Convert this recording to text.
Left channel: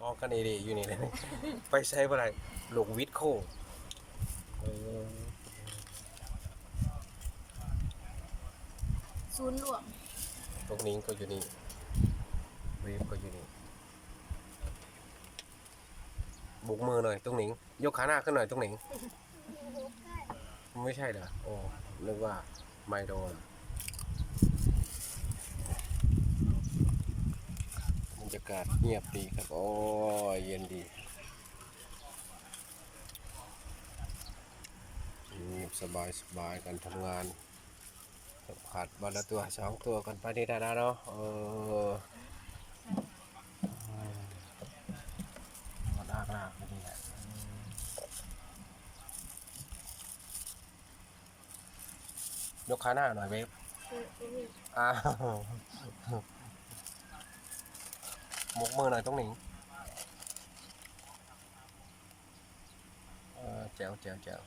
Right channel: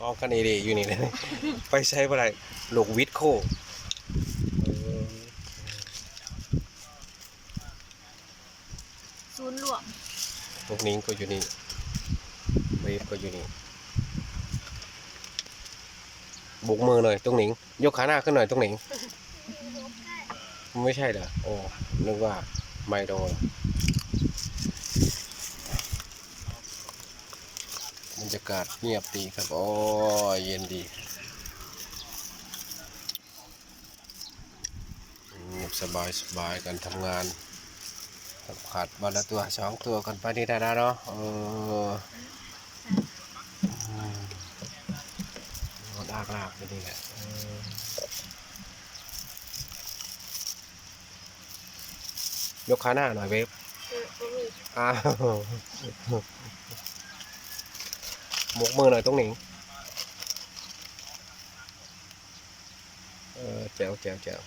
กองกันเอเดอยู่นี่เลยไปใช้อะไรลูกวิทโคเออศูนย์รวมพวกนิ้งก็อยู่นี่เวฟก็อยู่นี่บุกมือหน่อยตรงหนิง ยกขาหน้าขึ้นหน่อยตรงหนิง ไม่ใช่เหรอโอ้นึกว่าไมโดน รรยากาศเงียบดีครับ โอ้ยเย็นดีเงียบสบายสบายกันทำงานสัมผัสวันละตัวสองตัวกันไปนี่ได้นะเนาะเอออืมนอนอากลากไปนี่แหละเออยกขาหน้าหน่อยเวฟเออบ่มีอ้าว หมกมือหน่อยตรงหนิงเออแจ๋วแจ๋วแจ๋ว